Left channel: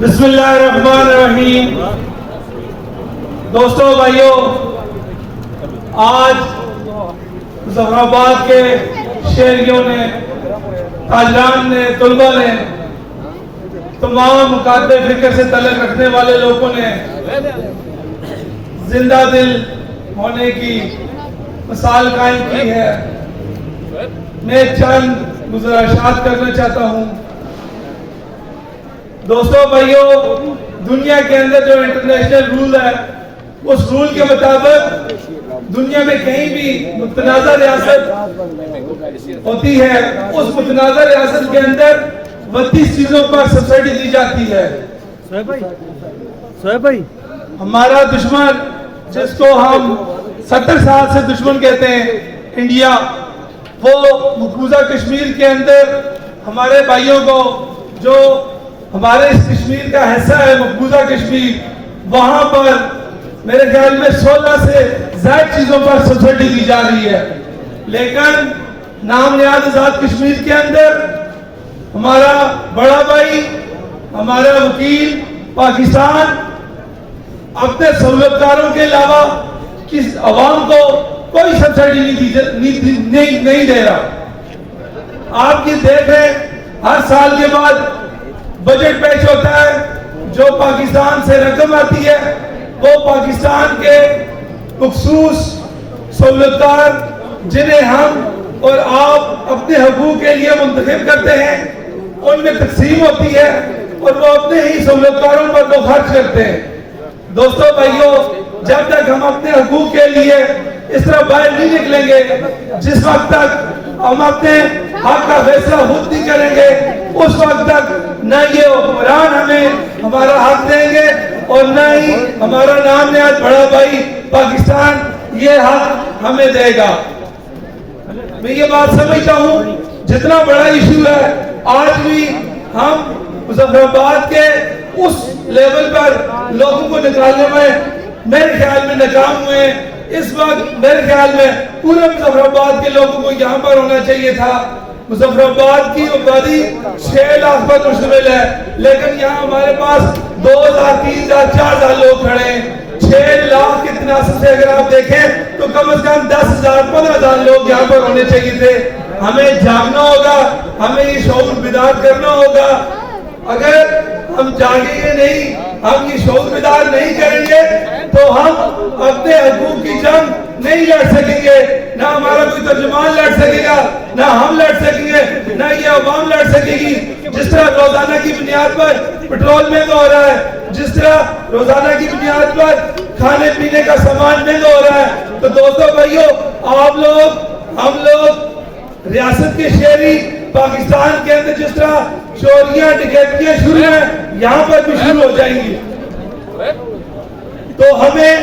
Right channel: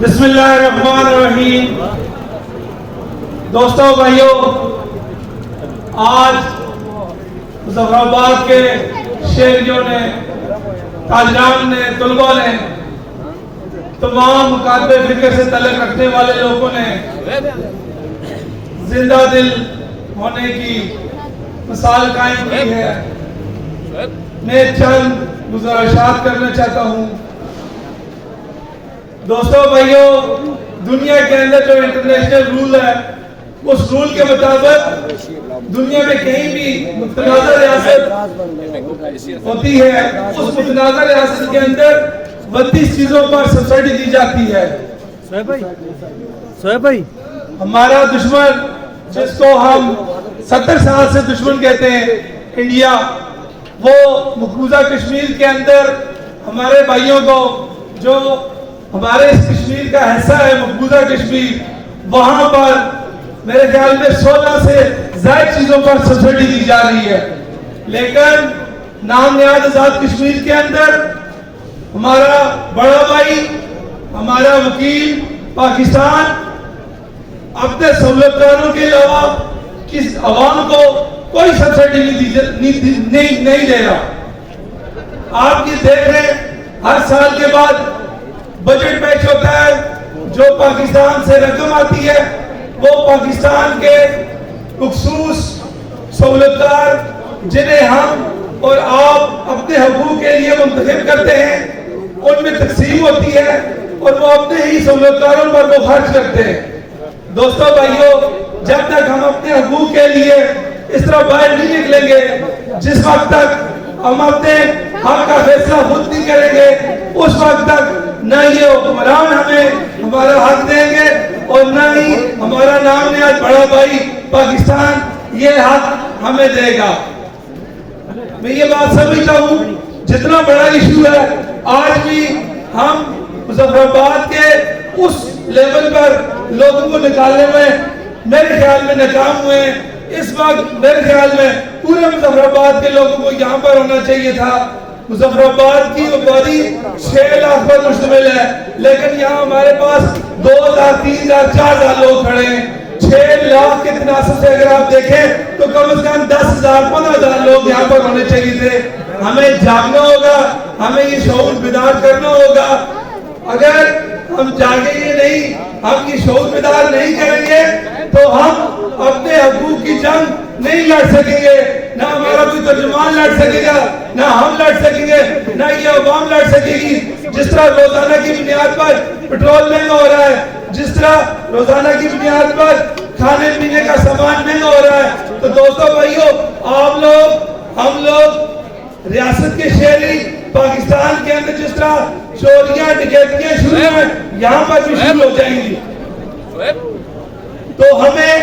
بسم اللہ الرحمن الرحیم. دوستوں بھائیوں، آج مظفر آباد کے شہریوں نے، تاجران نے، طلباء نے، تمام مکاتب فکر سے تعلق رکھنے والے لوگوں نے زندہ دل ہونے کی مثال قائم کی ہے. میں چند گزارشات کرنا چاہتا ہوں. دوستوں بھائیوں، دنیا کے اندر جو انٹرنیشنل رول ہے، اس رول کے مطابق دنیا میں کہیں بھی متنازع ریاست ہوتی ہے، اس متنازع ریاست کے اندر 32 چیزوں پر سبسڈی دی جاتی ہے. سہیب بھائی، ہمارا دشمن، جس کو ہم 70 سال سے دشمن کہتے ہیں، انڈیا، وہ مقبوضہ کشمیر کے اندر ہمارے بھائیوں کو، جو ہمارے اس کشمیر کا حصہ ہے مقبوضہ کشمیر، وہاں پر میرے خیال میں 16 سے زائد چیزوں پر سبسڈی دی جا رہی ہے. لیکن نام نہاد آزاد کشمیر کے اندر ہمارا بڑا بھائی، ہمارا وکیل پاکستان اپنے سہولتکاروں کے علاوہ کس عوام کو کوئی سبسڈی نہیں دے رہا. آپ یہ دیکھ رہے ہر سال کے بعد بجٹ پیش ہوتا ہے، جو پاکستان سے رقم آتی ہے وہ پاکستان کے مخصوص سہولتکار، جنہیں ہم اور آپ اپنے حقوق کے لیے منتخب کرتے ہیں، ان میں تقسیم ہوتی ہے اور وہ اپنے ہی سہولتکاروں پر وہ خرچ کرتے ہیں. دوستوں بھائیوں، جب تک ہم اپنے حقوق کے لیے اس طرح باہر نہیں نکلیں گے، جس وقت تک ہم اپنے حق کا فیصلہ خود نہیں کریں گے، اس وقت تک نہ یہ حکمران ہمیں ہمارا حق دیں گے اور نہ ہی ہمارا نام نہاد بڑا بھائی پاکستان یہ حق ہمیں دے گا. میں یہ بات سمجھتا ہوں، جتنا بڑا ایشو ہے، آج بھی ہم مظفر آباد کے اس لیول پر لوگوں کو نکالنے میں میرے خیال میں ناکام ہوئے ہیں. اس وقت میرے خیال میں پورے مظفر آباد کے لوگوں کو یہاں پر ہونا چاہیے تھا. مظفر آباد کی آبادی 6 لاکھ پر مشتمل ہے، لیکن یہاں ہمارے پاس 2000 3000 4000 لوگ کھڑے ہیں. 6 لاکھ کے تناسب سے اگر آپ دیکھیں تو کم از کم 10,000 15,000 لوگ یہاں پر ہونے چاہیے تھے. ہمیں جاگنا ہوگا، ہمیں یہ شعور بیدار کرنا ہوگا. اگر ہم جاگیں گے نہیں، ہم یہ شعور بیدار نہیں کریں گے تو ہم اپنے حقوق کی جنگ نہیں لڑ سکیں گے. نہ ہمارا کوئی ترجمان لڑ سکے گا، نہ ہم لڑ سکیں گے، نہ یہ عوام لڑ سکے گی. جس طرح روزانہ کی بنیاد پر پیٹرول مہنگا ہو رہا ہے، جس طرح روزانہ کی بنیاد پر کھانے پینے کا سامان مہنگا ہو رہا ہے، تو دوستوں بھائیوں، آپ لوگ، ہم لوگ ریاست کے شہری پاکستان کے اندر جس طرح چوریاں ڈکیتیاں شروع ہیں، یہاں پر بھی شروع ہو جائیں گی. تو ہمیں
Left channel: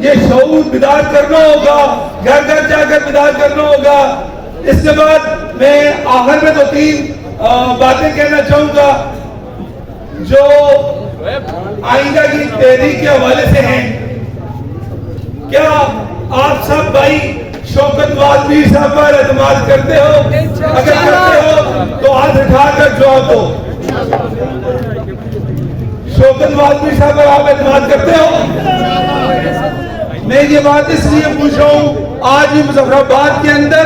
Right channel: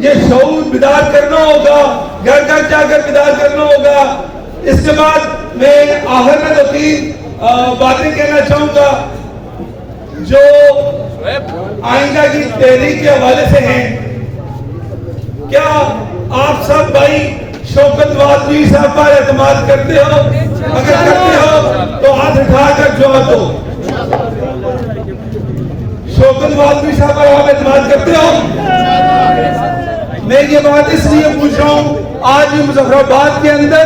یہ شعور بیدار کرنا ہوگا، گھر گھر جا کر بیدار کرنا ہوگا. اس کے بعد میں آخر میں 2-3 باتیں کہنا چاہوں گا جو آئندہ کی تحریک کے حوالے سے ہیں. کیا آپ سب بھائی شوکت نواز میر صاحب پر اعتماد کرتے ہو؟ اگر کرتے ہو تو ہاتھ اٹھا کر جواب دو. شوکت نواز میر صاحب پر آپ اعتماد کرتے ہو؟ میں یہ بات اس لیے پوچھ رہا ہوں، آج بھی مظفر آباد کے اندر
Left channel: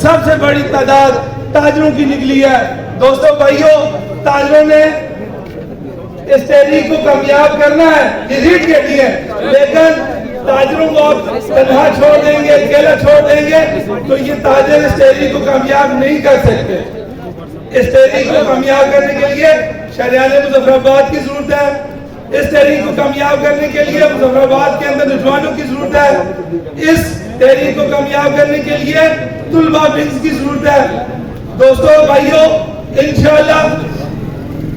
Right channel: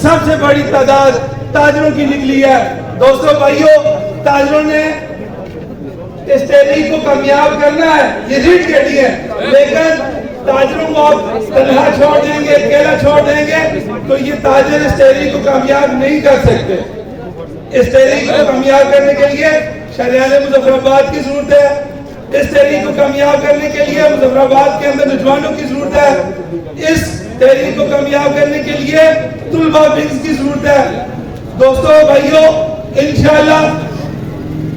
سب سے بڑی تعداد تاجروں کی نکلی ہے. دوستوں بھائیوں، تاجروں نے اس تحریک کو کامیاب کرنا ہے، یہ ریٹ کہتی ہے، لیکن تاجروں کو تنہا چھوڑ دیں گے، اکیلا چھوڑ دیں گے تو یہ تاجر اس تحریک کو کامیاب نہیں کر سکتے. اس تحریک کو کامیاب کرنے کے لیے شہریان مظفر آباد کی ضرورت ہے. اس تحریک کو کامیاب کرنے کے لیے مظفر آباد کے اندر نوجوانوں کی ضرورت ہے. اس تحریک کو کامیاب کرنے کے لیے طلباء ونگز کی ضرورت ہے. دوستوں بھائیوں، انشاءاللہ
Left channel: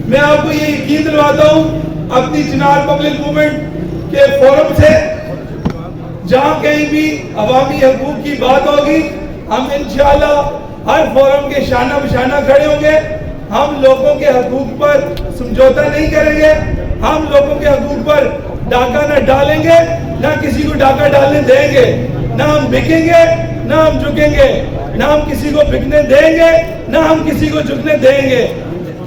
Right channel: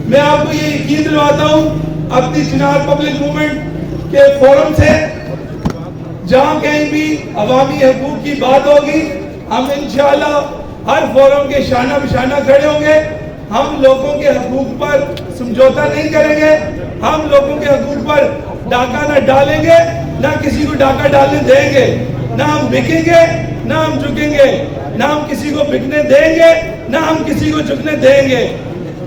میں آپ کو یہ یقین دلواتا ہوں اپنی چنار پبلک موومنٹ کے فورم سے، جہاں کہیں بھی عوامی حقوق کی بات ہوگی، ہم انشاءاللہ ہر فورم کے شانہ بشانہ کھڑے ہوں گے. ہم لوگوں کے حقوق پر سمجھوتا نہیں کریں گے، ہم لوگوں کے حقوق پر ڈاکہ نہ ڈالیں گے، نہ کسی کو ڈاکہ ڈالنے دیں گے. نہ ہم بکیں گے، نہ ہم جھکیں گے، نہ ہم کسی کو بکنے دیں گے، نہ ہم کسی کو جھکنے دیں گے.